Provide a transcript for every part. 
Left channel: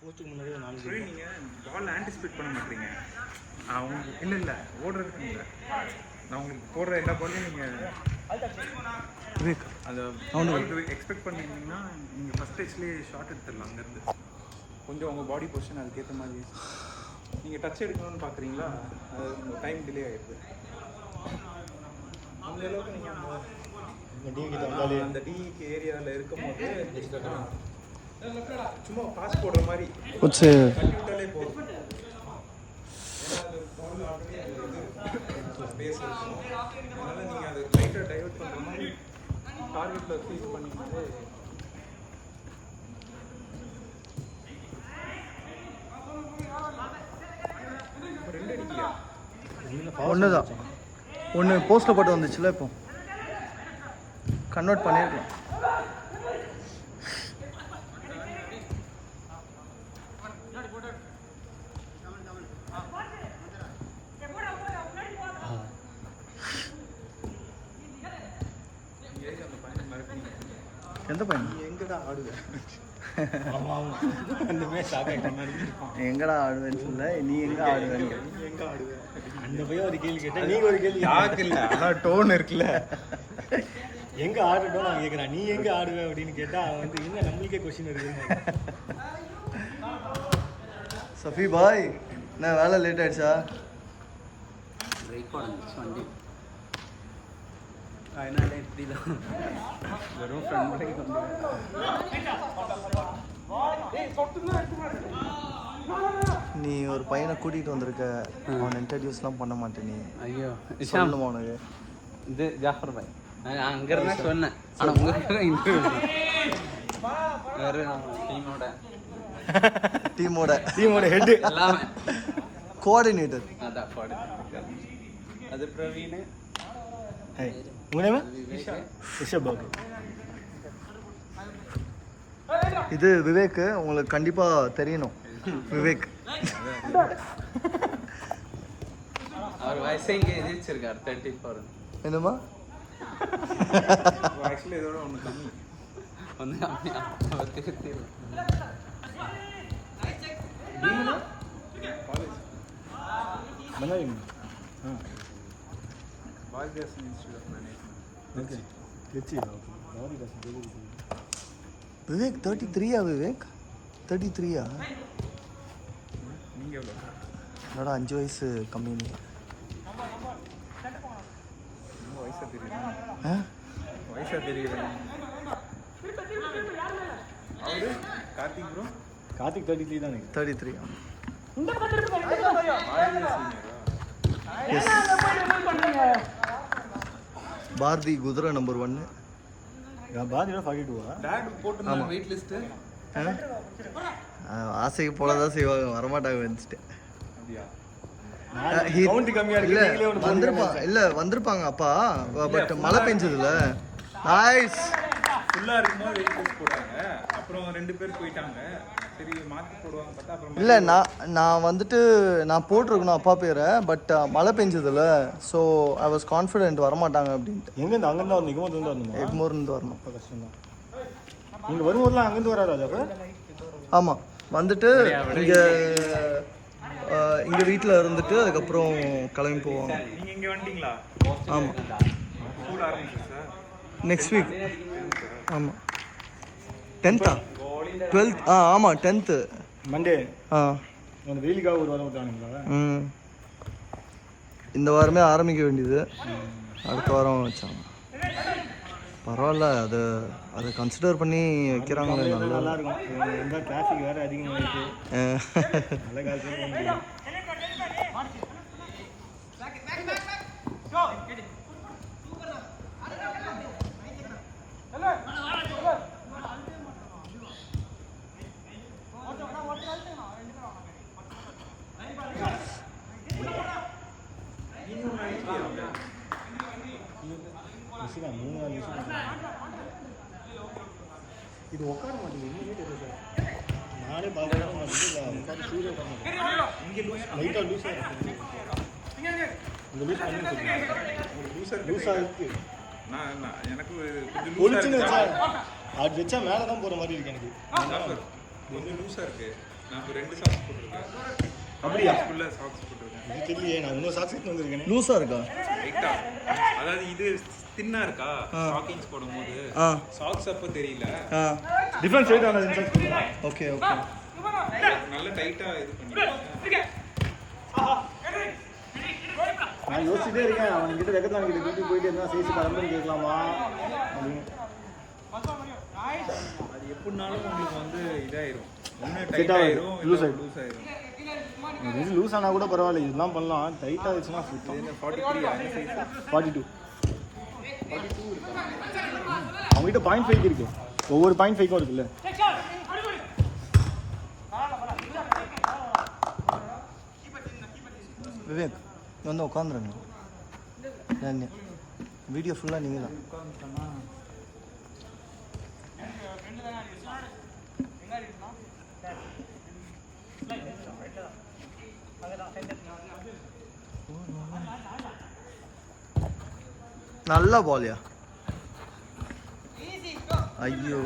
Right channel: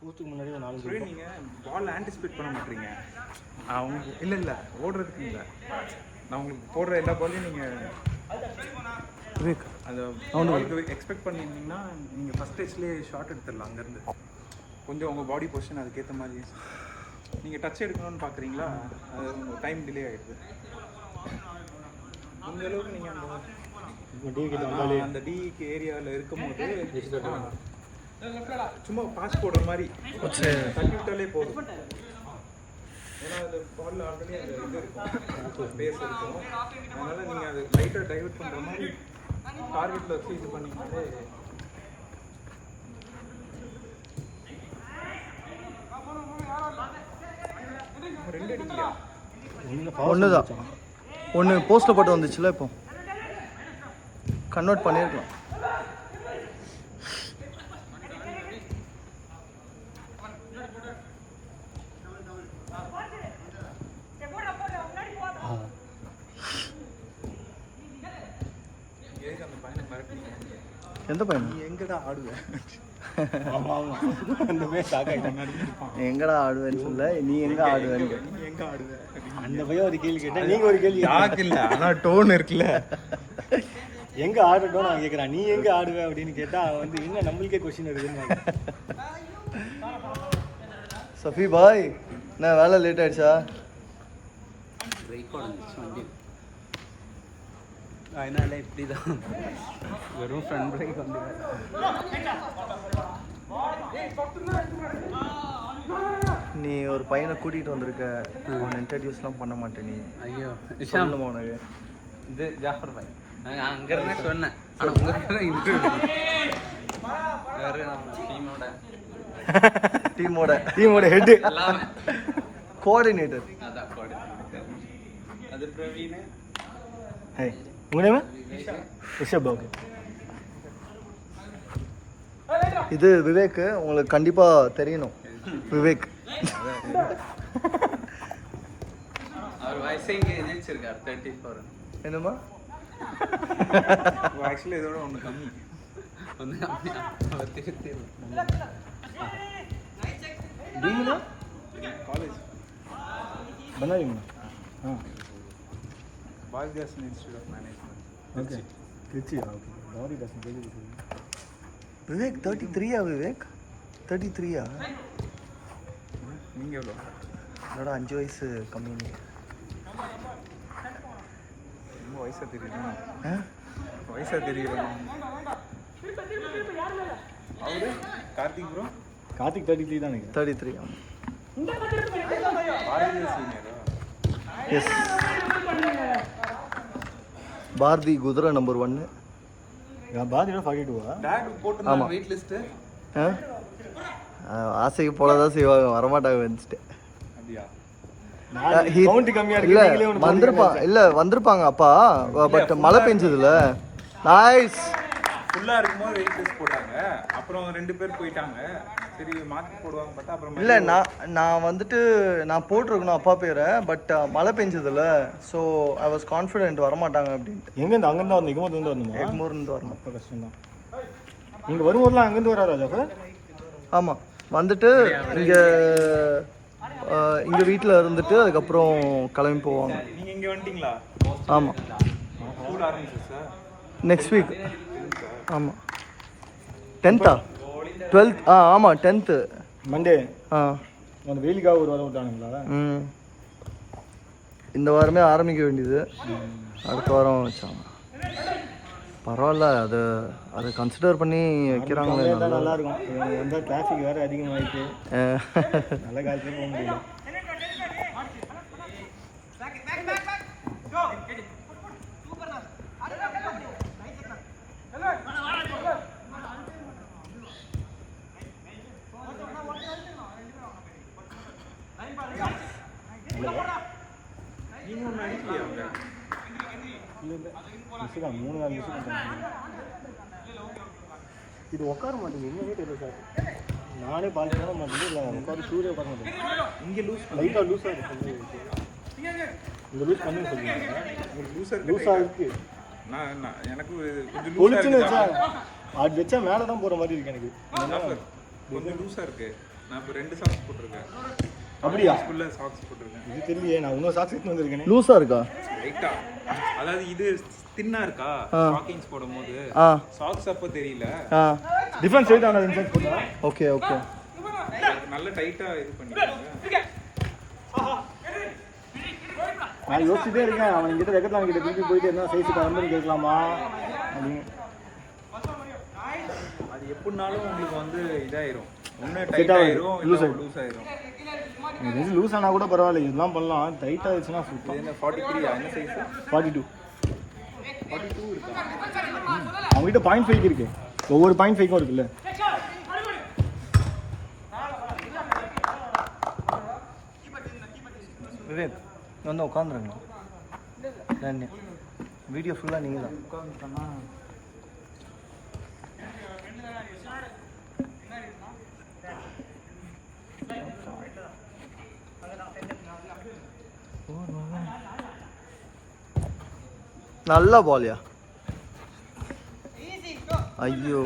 போஸ்ட்டுக்கு முன்னாடி ஒரு 4 நீங்கள் பால் ஆன்டிசிபேட் பண்ண மாட்டீங்க. அவங்க இல்லை ஓடுறதுக்கு இல்லை, நான் உங்களுக்கு போடுற எல்லா பாலும் நீங்கள் அதை அவனுக்கு எக்ஸ்பெக்ட் பண்ணிங்கன்னா நீங்கள் ஃபஸ்ட் டச்லேயே ஷார்ட் எடுத்துடலாம். அங்கேருந்து கொஞ்சம் உங்கள் பாடி பொசிஷன் அதுக்கேற்ற மாதிரி நீங்கள் டச் எடுக்கணும்னு பார்க்குறீங்களா, அது டைம் டிலே ஆகிடுது. அந்த அளவுக்கு நீங்கள் டி கிட்ட வந்தாலே அந்த டிக்கு ஏரியாவில் இருக்கும்போது சும்மா பாஸ் போடுற மாதிரி தட்டி விட்டாலே போதும். ஏன்னா அது பாலில் ஆல்ரெடி அந்த இது இருக்கும், ஸ்பேஸ் இருக்கும். அதனால் நீங்கள் அதை லைட்டாக டைவர்ட் பண்ணுற மாதிரி ஃபார்வர்டில் ஃபீல் பண்ணிட்டு ஒன்று தான். ஒன்று போஸ்ட்டில் போட்டு வந்துச்சுல, இப்போ கன்வெர்ட் பண்ணியிருக்கலாம். எந்த பையன் எங்கடா ஆடுவேன்னு சொல்ல, நீ எங்க ஆடுவேன்னு கேட்ட. அந்த பையன் ஒரு கேள்வி கேட்டேன், நீங்க ஒரு கேள்வி இல்லை. ஆனால் டோன் இருக்குல்ல, எங்க ஆடுட்டோம் நான் கேட்குறேன், நீ எங்க ஆடுவே அப்படின்னு கேட்டா வந்து என்ன நம்மளுக்கே கொஸ்டின் இருக்குன்னு. சஃபி பாய், என்ன வேலை லேட் ஆயிடுச்சா? வண்டி அதனால இப்படி தான் வெறும் ஃப்ரெண்ட் பிரேக் வந்து. நீ ஒரு பையனை கூட்டிகிட்டு வந்திருக்க, அவனை இன்ட்ரடியூஸ்லாம் பண்ண மாட்டேன் நீ. ஐயோ சொல்லணுமா உனக்கு? இது ஜாஃபர் பாய், நான் அங்கே இருந்து சொன்னேன். அங்கே இன்டர்வியூ டீமோட ஹெட் கோஆர்டினேட்டர். அதான் அது பிரவீன். ரிஷப் பாபு. இது விவேக், உங்களுக்கு கண்டிப்பா தெரியணும். விவேக் அவர் வயசே இங்கே எதிர்ச்சிருக்கார் 34. என்னமா ஆக்சுவலி இதோட ஒன்று கம்மி வந்து அவர் தெரியும். பண்ணாதீங்க. Bharathidasan institute okay Tiruchi. விவேக் 33யா? விவேக் 33யா? நீங்கள் எவ்வளோ? என்னோட 5 வயசு கம்மி. வயசாக தெரியுமா? ஆ, வயசாக தெரியுது. கார்த்திக் ப்ரோ, கார்த்திக் 33 தானே? 33. எஸ், பாரதி குதிரை நம்பர் 1. பாதினா 42. டேட் போட்டு ஆமாம். வெயிட் லிஸ்ட்டு ஆசைக்கு போலதான் செய்வாங்க, வரமாட்டாங்க வந்துட்டு. அப்படியா? இல்ல வந்திருப்பாங்க அப்பா, பட் மழை பெஞ்சதுல. நைஸ். ஃபுல்லாக இருக்கும்போது வெயிட் லிஸ்ட் போட்டாங்க, அப்புறம் 2 பேர் போயிட்டாங்க. சரி மாற்றி போடுவாங்க பார்த்தா அப்புறம் இல்லை, நான் வந்துட்டு நான் போட்டிருக்கணும் அப்பா பேரை, பட் மழை பெஞ்சதுல. ஸோ ஐ வாஸ் கான்ஃபிடென்ட் வரமாட்டாங்க அப்படின்ட்டு. எங்கேருந்து அங்கேருந்து வரணும்? எங்கேருந்து வரணும்? எக்மோர்லேருந்து வரணும். நீங்கள் வரும்போதுலாம் அங்கேருந்து வராதா? ஆமாம், வந்துட்டு இங்கே வீட்டில் இருந்துட்டு அதுக்கப்புறம் கிளம்பி போவாங்க. நீங்கள் இங்கே வந்துட்டீங்களா? ஆமாம், ஸ்கூல் ஆரம்பிச்சிருச்சா? Next week. ஆமாம், 10th 12th. ஆமாம் 10th மண்டே. அந்த வெயிலுக்காக ஒரு வாரம் விட்டாங்களா? இந்த வாரமே ஆரம்பிக்க வேண்டியது, அடுத்த வாரம் வச்சாங்க. பரவாயில்ல, அதை கன்சிடர் பண்ணி வைக்கிறாங்களே, நல்லா இருக்கும். எந்த டிராஃபிக் வேறு அதிகமாகிட்டு நல்ல காலத்துல இது உட்கார மாட்டேங்குது, என்னவே தெரியல சார். நானே பார்க்கலாம், நான் உட்காந்து சூரிய உட்கார மாட்டேன். இங்கே லைட்டாக லூஸாக இருக்குது. இங்கே லூஸாக இருக்குது. பொழிச்சுன்னு வச்சா அது வச்சா மேலே தான் போகிற மாதிரி இருக்கு எனக்கு. கொஞ்சம் லூஸாக இருக்குது. நான் இப்போ 2 சாக்ஸ் போட்டுருக்கேன். அப்படியா? ஃபுல்ல சாக்ஸ் போட்டுருக்கேன். இது தெரியலையே, நான் இன்னும் சாக்ஸ் எடுத்து வந்திருக்கேன். லூஸாக இருக்கா? ரைட்டா. அதாவது இது தின்னா இருக்கா? ஸ்டாக்கிங்ஸ் போடும்போது சாக்ஸ் அப்போ தெரியல. டிஃபரன்ஸ் ரேட் ஆனா இன்சென்ஸ் பண்ணுங்க. Okay okay. நல்ல டைட்டா இது பண்ணிருக்கேன். நான் யோசிச்சுட்டே இருக்கேன், அவங்க கிட்ட வெக்கத்தாங்க கிட்ட வீட்டுக்கு போயிட்டு என்ன சைஸ் வந்து கேட்கலாமா. அது எப்படினாலும் உங்களுக்கு வந்து இதாயிரும். ஒன்று டைட் ஆயிரும், இல்லை லூஸ் ஆயிரும். இது லூஸ் ஆனால் கூட பரவாயில்ல, இதெல்லாம் பண்ணலாம். டைட் ஆயிடுச்சுன்னா என்ன 43 என்ன சைஸ்? 42. அவங்ககிட்ட 0.5 இருக்கு, ஒவ்வொரு 0.5 இருக்குல்ல. விவேக் வந்து உட்காந்துருங்க. வீடியோ ஃபுல்லாக நீங்கள் தான். நல்ல பால்யா. ஐயோ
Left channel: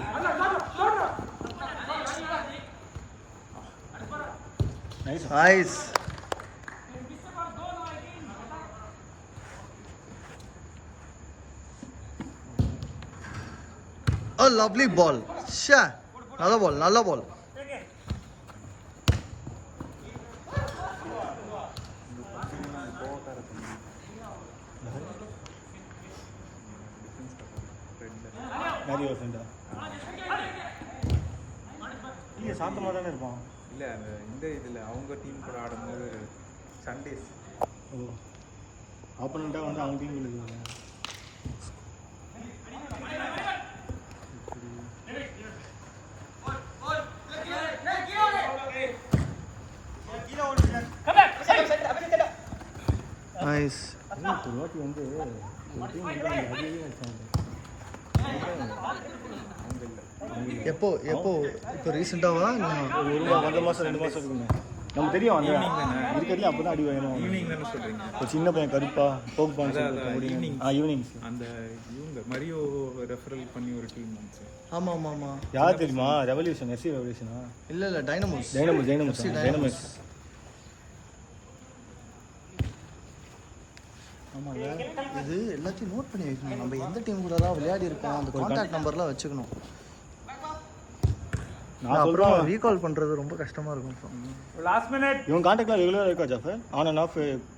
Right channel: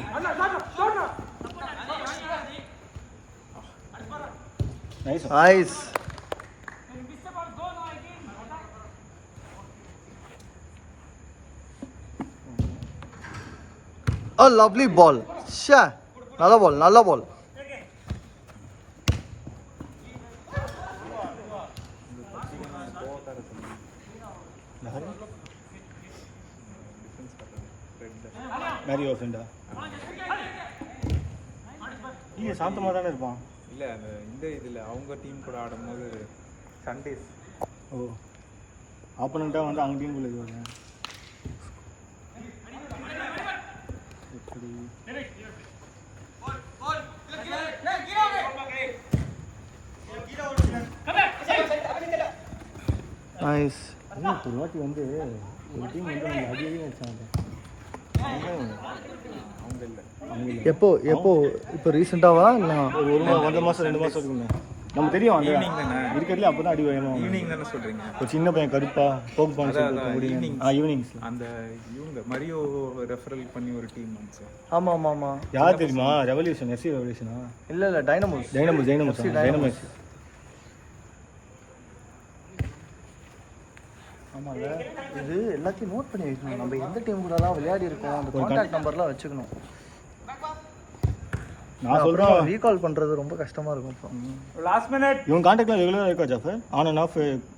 nice. A lovely ball. Sha. நல்ல பால், நல்ல பால். சாந்தமாக தானே இருப்பான். இல்லை அந்த இந்த இதில் அவங்க டீம் கூட ஆடும்போது சண்டேஸ். ஓ, ஆப்போனண்ட்டாக வந்து அவங்க டீம் கூட இருக்காங்க. நைஸ். ஒரு வாட்டி வந்து ஒரு டீம் வந்து அதிகவே வச்சாங்க. எப்போ எப்போ இப்போ ரீசெண்டாவா? இல்லை ஒரு 1 மாதம் 2 மாதம் இருக்குங்க. உங்களுக்கு தெரியும் இருக்கிறதுல அப்போ தான் அடி வரும். ஈவினிங் தானே சொல்கிறீங்க? ஒரு சின்ன பையன் கருப்பா போக்கு ஈவினிங்ஸ். அந்த இவங்க மரியோ ரெஃபரல் பண்ணி ஒரு டீம் வந்துச்சு. ஆமாம் ஆமாம் ஆமாம். யார் தெரியுமா? ரெவல்யூஷன், எஸ்சி ரெவல்யூஷனா? இல்லை இல்லை, டைனமோஸ். டைனமோஸ். ஆமாம்ல, இது எல்லாத்தையும் நோட் பண்ணி வைக்கணும். நம்ம எந்த டீம் கூடலாம் விளையாடி இருக்கோம், அந்த கான்டாக்ட் நம்பர்லாம் வச்சுக்கணும். நான் அப்புறமா ரீகால் பண்ணுறது ரொம்ப கஷ்டமாக இருக்கும். அப்புறம் லாஸ்ட் மினிட் இவங்க கான்டாக்டில் ரெகுலராக இருக்கா ஜாஃபர்? ஆன் அண்ட் ஆஃப்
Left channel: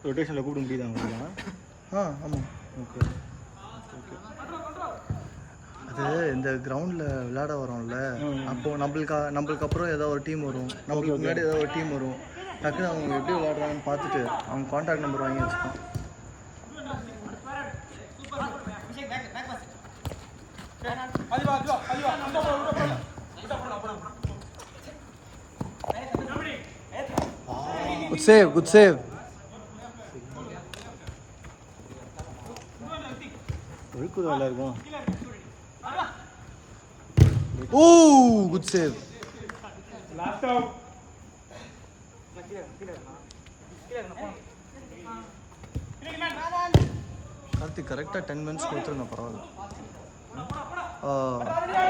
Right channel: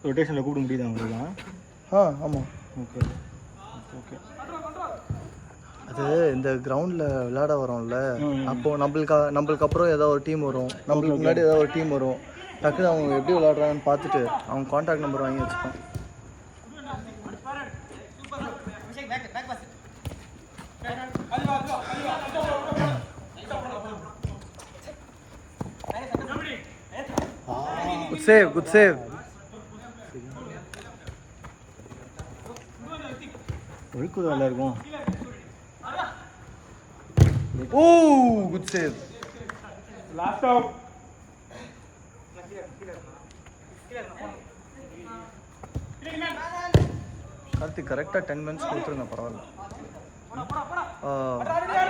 ரொட்டேஷனில் கூப்பிட முடியுதா உங்களுக்கு? ஆமாம். ஓகே. அது இந்த கிரவுண்டில் விளையாட வரோம்ல, அப்போது நம்மளுக்கு அப்புறம் ஏதோ ஒரு டீம் வரும், நம்மளுக்கு முன்னாடி ஏதோ ஒரு டீம் வரும். டக்குன்னு அவங்க எப்படி விளையாடுறாங்கன்னு பார்த்துட்டு அவங்க கான்டாக்ட் நம்பர் வாங்கி வச்சுப்பேன். Good save, good save. இருக்குதுல இருக்கும். Oh, good save. Last out. Karthik கரெக்டாக 10 மினிட்ஸ் கொடுத்துருங்க, பரவாயில்ல.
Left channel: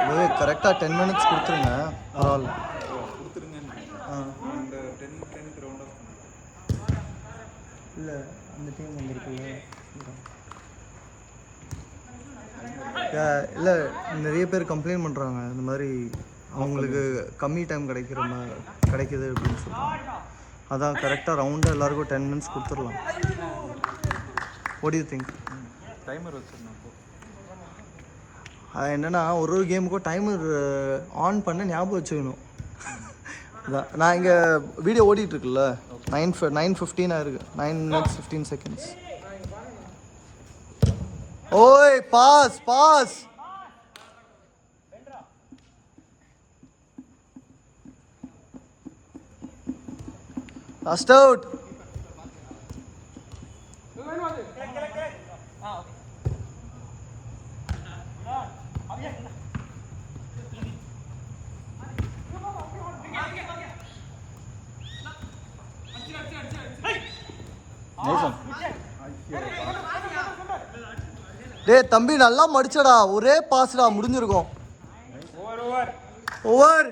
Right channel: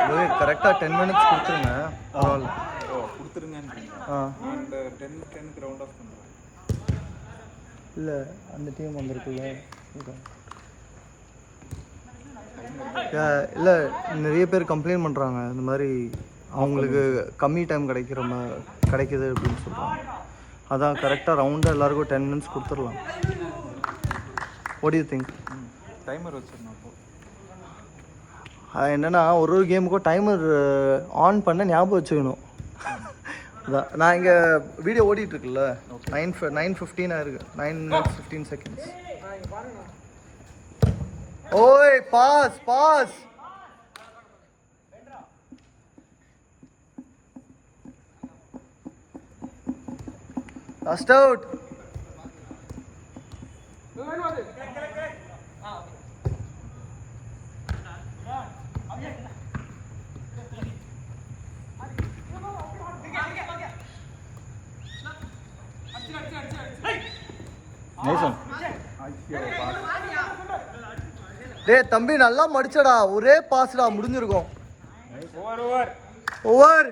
விவேக் கரெக்டாக 10 மினிட்ஸ் கொடுத்துருங்க, பரவாயில்ல. இல்லை அந்த டீம் வந்திருக்குல்ல, இல்லை நிறைய பேர் கம்ப்ளைண்ட் பண்ணுறாங்க, இந்த மாதிரி அவங்களுக்கு கம்மி டைம் கிடைக்குது அப்படின்னு சொல்கிறாங்க. அதான் கரெக்டாக ரவுண்டாக எல்லாருக்கும் 10 மினிட்ஸ் கொடுத்துடலாம். What to you think? Timer வச்சிருந்தோம். என்னென்னா ஒரு கேமுக்கும் டைமர் ஆன் பண்ண ஞாபகம் வச்சுக்கணும். அதான் நான் இங்கே வீடியோ ஓடிட்டுருக்குல்ல, 9:15 ஆயிருக்கு. 9 minutes 15 seconds. ஓய் பாஸ் பாஸ். Last out. டேய் தம்பி நல்லா மடிச்சடா, ஒரே பாஸ்டா, முடிஞ்சிருக்கும். ஓவர்.